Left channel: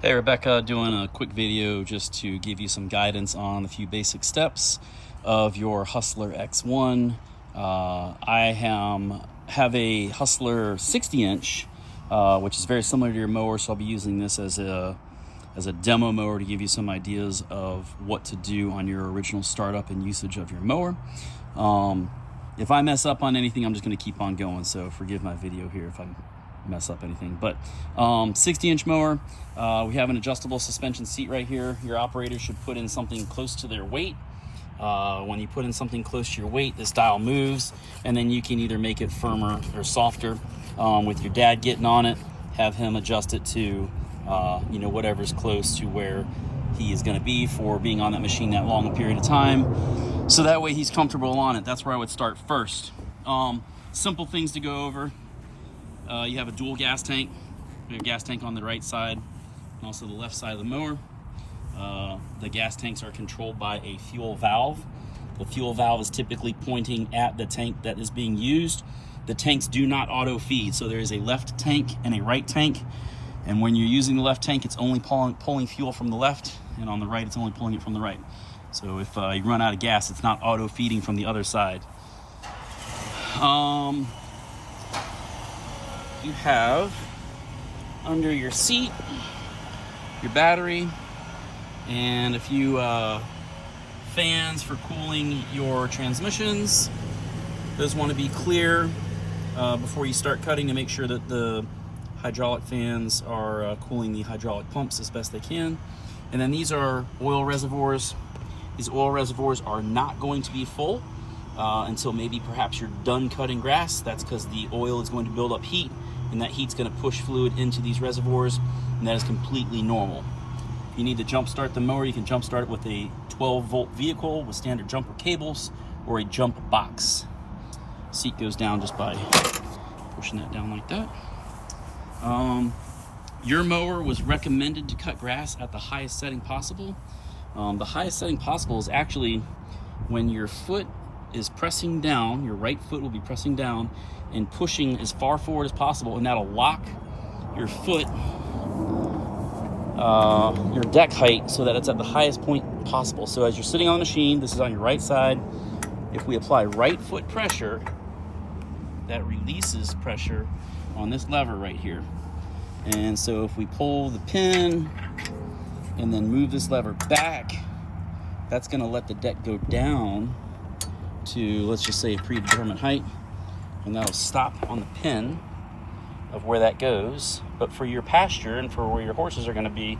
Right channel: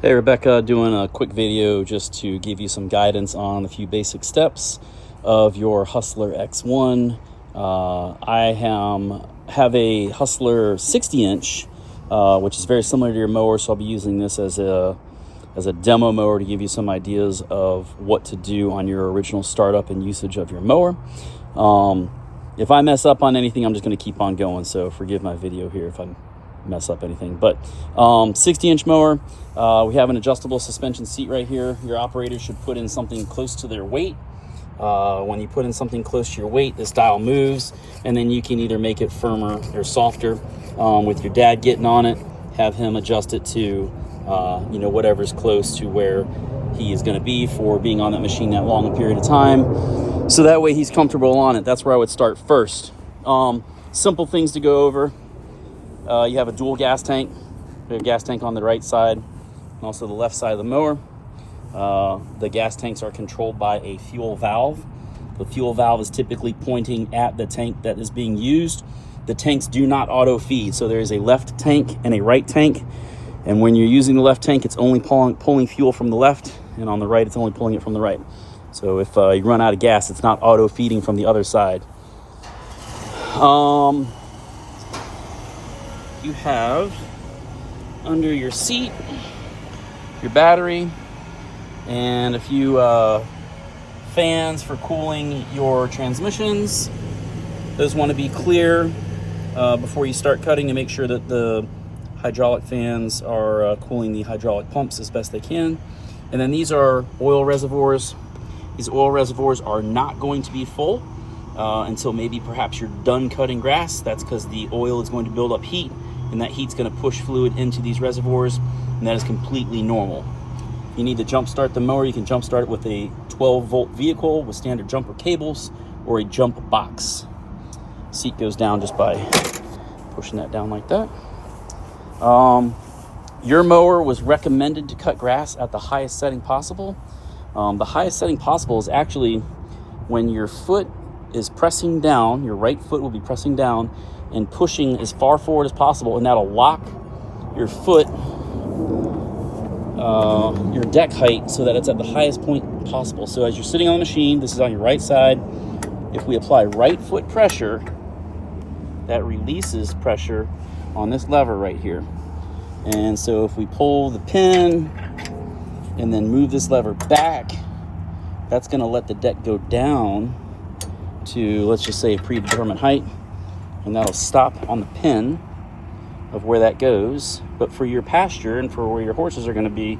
Hey Rebecca, doing a quick video just to give you some guidance on a few basic steps of your Hustler X1. I have a Hustler 60-inch, which is very similar to your mower, so I'll be using this as a demo mower to give you some ideas of what to do on your original startup and usage of your mower. If I mess up on anything, I'm just going to keep on going, so forgive my video here if I mess up anything. But 60-inch mower, we have an adjustable suspension seat right here. Your operator should put in something close to their weight. When you put in something close to your weight, this dial moves, and then you can either make it firmer or softer with your dad getting on it, have him adjust it to whatever's close to where he is going to be for being on that machine that long a period of time, so that way he's comfortable on it. That's where I would start first. Simple things to go over. You have a dual gas tank. We have a gas tank on the right side and also the left side of the mower. The gas tanks are controlled by a fuel valve. The fuel valve is typically pointing at the tank that is being used. The tanks do not auto feed, so there is a left tank and a right tank. And when you're using the left tank, it's only pulling fuel from the left, and on the right, it's only pulling it from the right. So if you run out of gas, it's not auto feeding from the other side. You have under your seat your battery and a few fans for cooling your transmissions. Those want to be clear before you start cutting to make sure that the hydraulic fans are cooling the hydraulic pumps as best they can. And then these are oil reservoirs. These oil reservoirs are not going to be full until maybe perhaps you're done cutting grass. That's because the oil is going to build up heat, and that heat's going to push fluid into these reservoirs, and that is completely normal. If you need to jump start the mower, you can jump start it with a 12-volt vehicle with standard jumper cables or a jump box. Seat goes down just by pushing that down like that. Your mower was recommended to cut grass at the highest setting possible. The highest setting possible is actually when your foot is pressing down, your right foot will be pressing down and pushing as far forward as possible, and that'll lock your foot, your deck height, so that it's at the highest point possible. So as you're sitting on the machine, this is on your right side. If we apply right foot pressure, that releases pressure on this lever right here. And so if we pull the pin and then move this lever back, that's going to let the deck go down to, let's just say, a predetermined height, and that'll stop on the pin of where that goes. But for your pasture and for where your horses are going to be,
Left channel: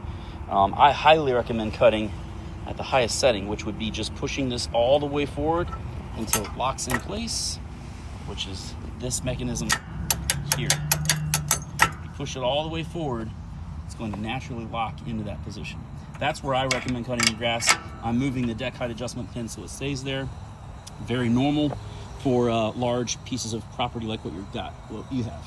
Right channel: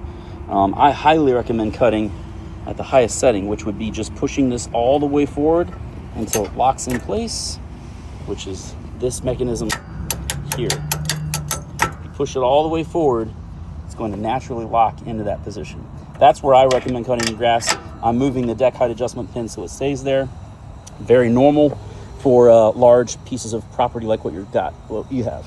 I highly recommend cutting at the highest setting, which would be just pushing this all the way forward until it locks in place, which is this mechanism here. If you push it all the way forward, it's going to naturally lock into that position. That's where I recommend cutting the grass. I'm moving the deck height adjustment pin so it stays there. Very normal for large pieces of property like what you have.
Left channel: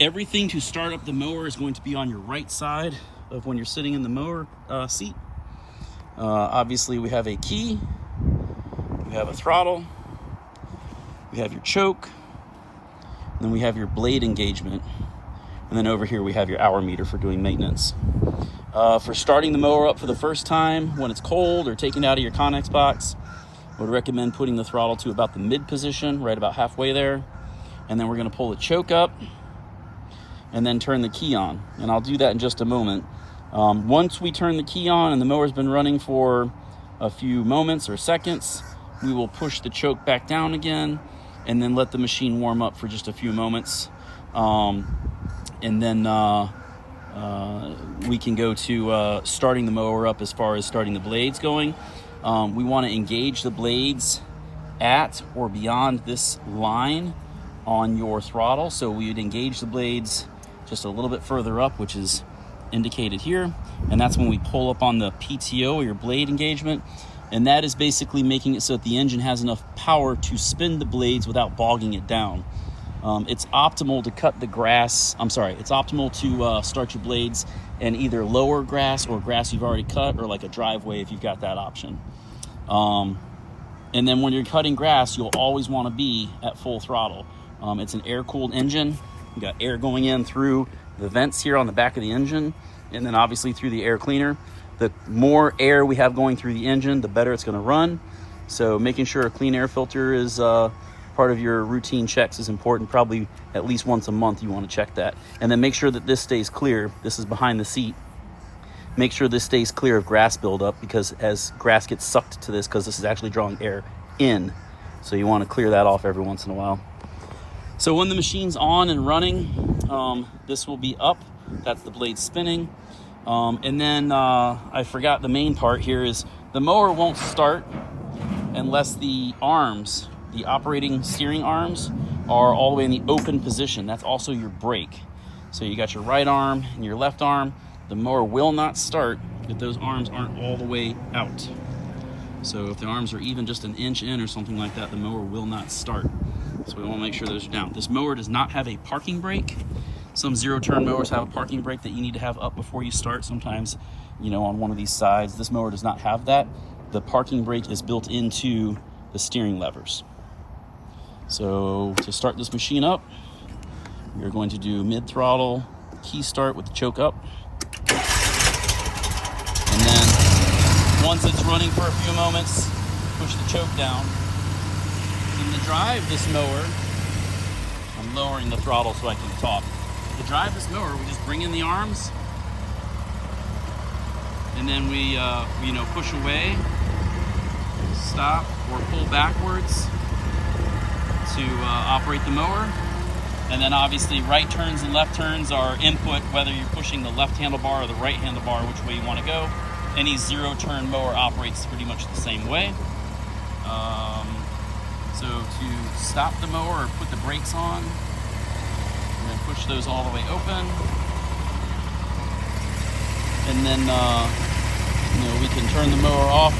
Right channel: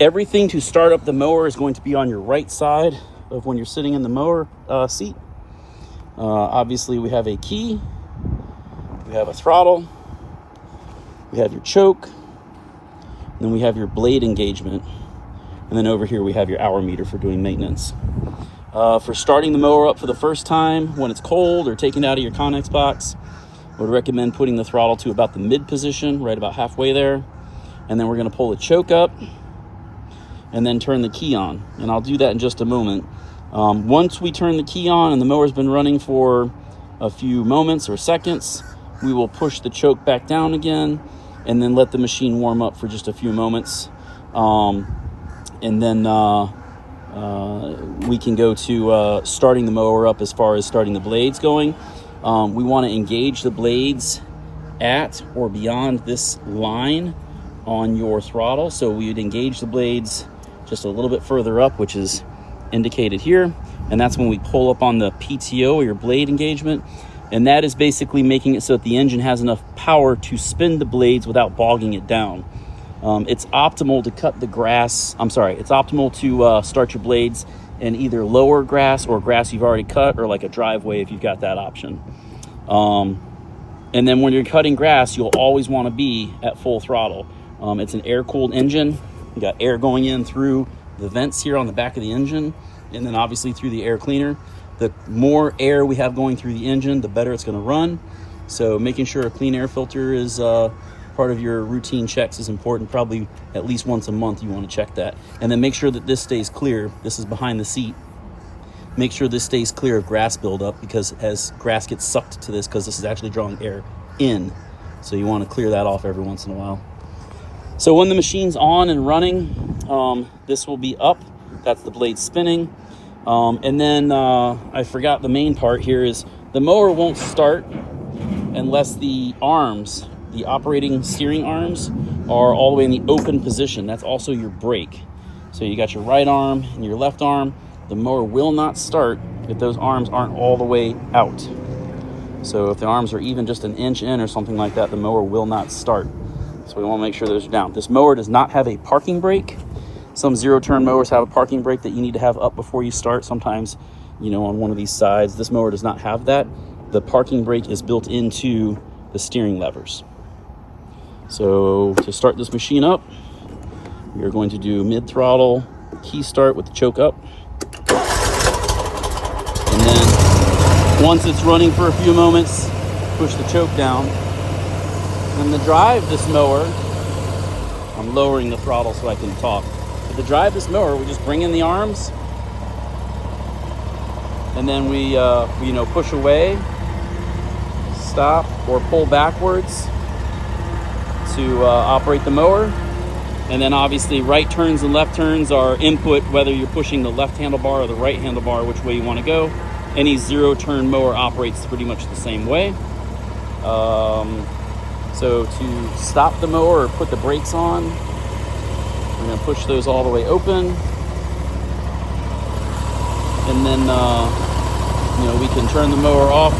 Everything to start up the mower is going to be on your right side of when you're sitting in the mower seat. Obviously, we have a key, we have a throttle, we have your choke, and then we have your blade engagement, and then over here we have your hour meter for doing maintenance. For starting the mower up for the first time when it's cold or taking it out of your Connex box, I would recommend putting the throttle to about the mid position, right about halfway there. And then we're going to pull the choke up and then turn the key on. And I'll do that in just a moment. Once we turn the key on and the mower's been running for a few moments or seconds, we will push the choke back down again and then let the machine warm up for just a few moments. And then we can go to starting the mower up as far as starting the blades going. We want to engage the blades at or beyond this line on your throttle. So we would engage the blades just a little bit further up, which is indicated here. And that's when we pull up on the PTO, or your blade engagement. And that is basically making it so that the engine has enough power to spin the blades without bogging it down. It's optimal to cut the grass. It's optimal to start your blades in either lower grass or grass you've already cut, or like a driveway if you've got that option. And then when you're cutting grass, you'll always want to be at full throttle. It's an air-cooled engine. You got air going in through the vents here on the back of the engine, and then obviously through the air cleaner. The more air we have going through the engine, the better it's going to run. So making sure a clean air filter is part of your routine checks is important. Probably at least once a month you want to check that. And then make sure that this stays clear. This is behind the seat. Make sure this stays clear of grass buildup, because as grass gets sucked to this, because this is actually drawing air in. So you want to clear that off every once in a while. So when the machine's on and running, this will be up. That's the blade spinning. And then I forgot the main part here is the mower won't start unless the arms, the operating steering arms, are all the way in the open position. That's also your brake. So you got your right arm and your left arm. The mower will not start if those arms aren't all the way out. So if the arms are even just an inch in or something like that, the mower will not start. So we want to make sure those are down. This mower does not have a parking brake. Some zero-turn mowers have a parking brake that you need to have up before you start. Sometimes, you know, on one of these sides. This mower does not have that. The parking brake is built into the steering levers. So to start this machine up, we're going to do mid-throttle key start with the choke up. And then once it's running for a few moments, push the choke down. And to drive this mower, I'm lowering the throttle so I can talk. But to drive this mower, we just bring in the arms, and then we push away, stop, or pull backwards to operate the mower. And then obviously right turns and left turns are input, whether you're pushing the left handlebar or the right handlebar, which way you want to go. Any zero-turn mower operates pretty much the same way. So to stop the mower or put the brakes on, I'm going to push those all the way open. And then, we can turn the mower off.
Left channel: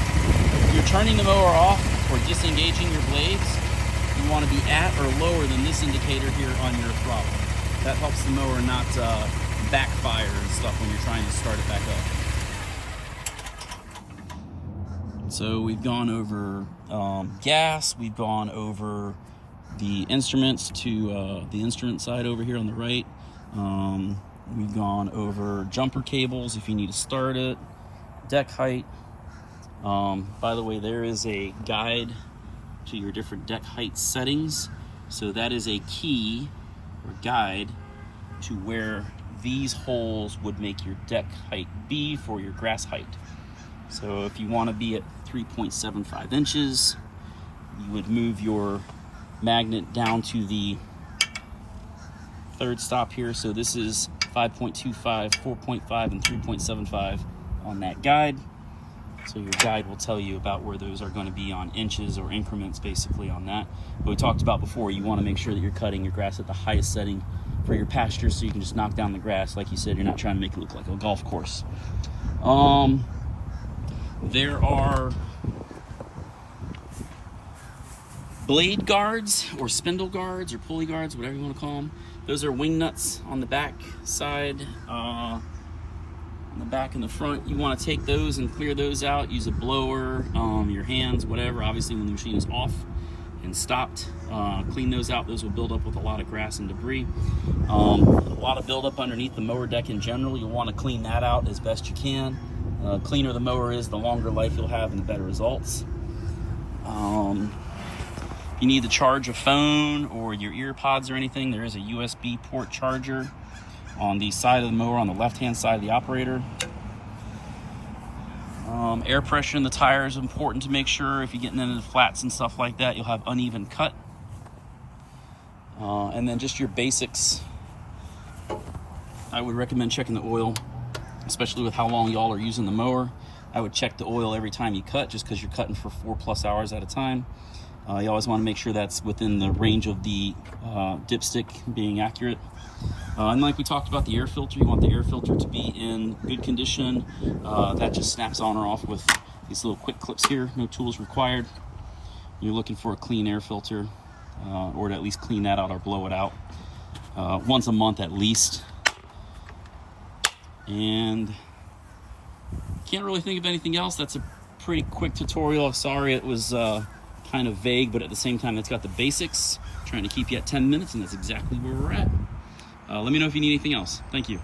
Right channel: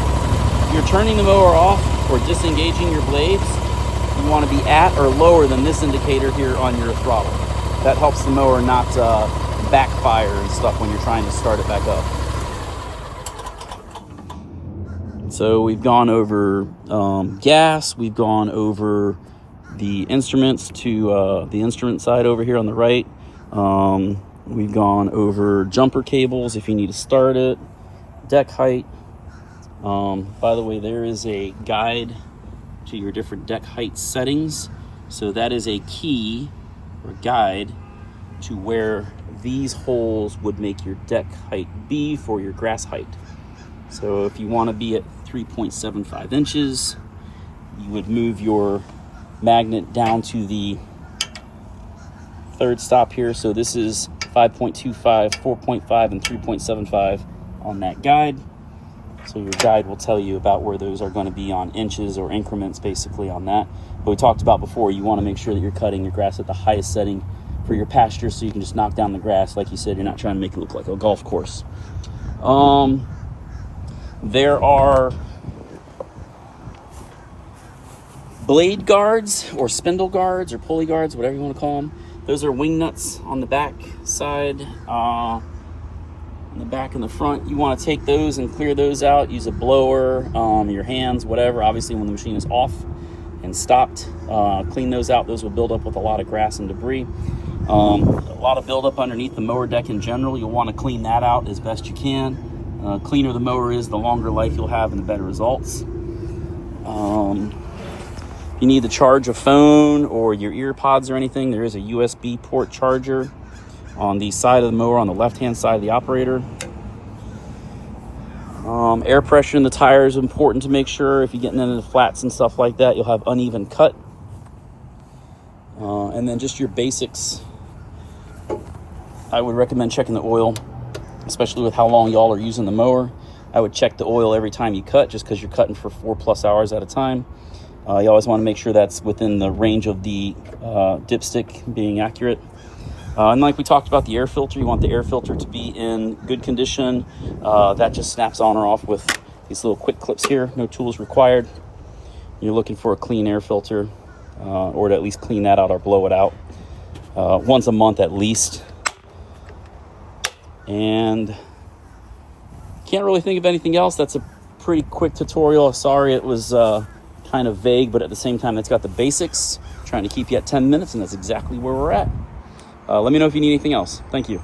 If you're turning the mower off or disengaging your blades, you want to be at or lower than this indicator here on your throttle. That helps the mower not backfire and stuff when you're trying to start it back up. So we've gone over gas, we've gone over the instruments to the instrument side over here on the right. We've gone over jumper cables if you need to start it, deck height. By the way, there is a guide to your different deck height settings. So that is a key or guide to where these holes would make your deck height be for your grass height. So if you want to be at 3.75 inches, you would move your magnet down to the third stop here. So this is 5.25, 4.5, and 3.75 on that guide. So your guide will tell you about where those are going to be on inches or increments basically on that. But we talked about before, you want to make sure that you're cutting your grass at the highest setting for your pasture so you can just knock down the grass. Like you said, you're not trying to make it look like a golf course. There are blade guards or spindle guards or pulley guards, whatever you want to call them. Those are wing nuts on the back side, on the back and the front. You want to take those and clear those out. Use a blower, your hands, whatever. Obviously when the machine is off and stopped, clean those out. Those will build up with a lot of grass and debris. A lot of buildup underneath the mower deck in general. You'll want to clean that out as best you can. Cleaner the mower is, the longer life you'll have and the better results. If you need to charge a phone or your ear pods or anything, there is a USB port charger on the side of the mower on the left-hand side of the operator. Air pressure in the tire is important to make sure. If you're getting into the flats and stuff like that, you'll have uneven cut. And then just your basics. I would recommend checking the oil, especially with how long y'all are using the mower. I would check the oil every time you cut, just because you're cutting for 4+ hours at a time. You always want to make sure that's within the range of the dipstick being accurate. And like we talked about the air filter, you want the air filter to be in good condition. That just snaps on or off with these little quick clips here, no tools required. You're looking for a clean air filter, or to at least clean that out or blow it out once a month at least. And can't really think of anything else. That's a pretty quick tutorial. Sorry it was kind of vague, but at the same time, it's got the basics. I'm trying to keep you at 10 minutes, and that's exactly where we're at. Let me know if you need anything else. Thank you.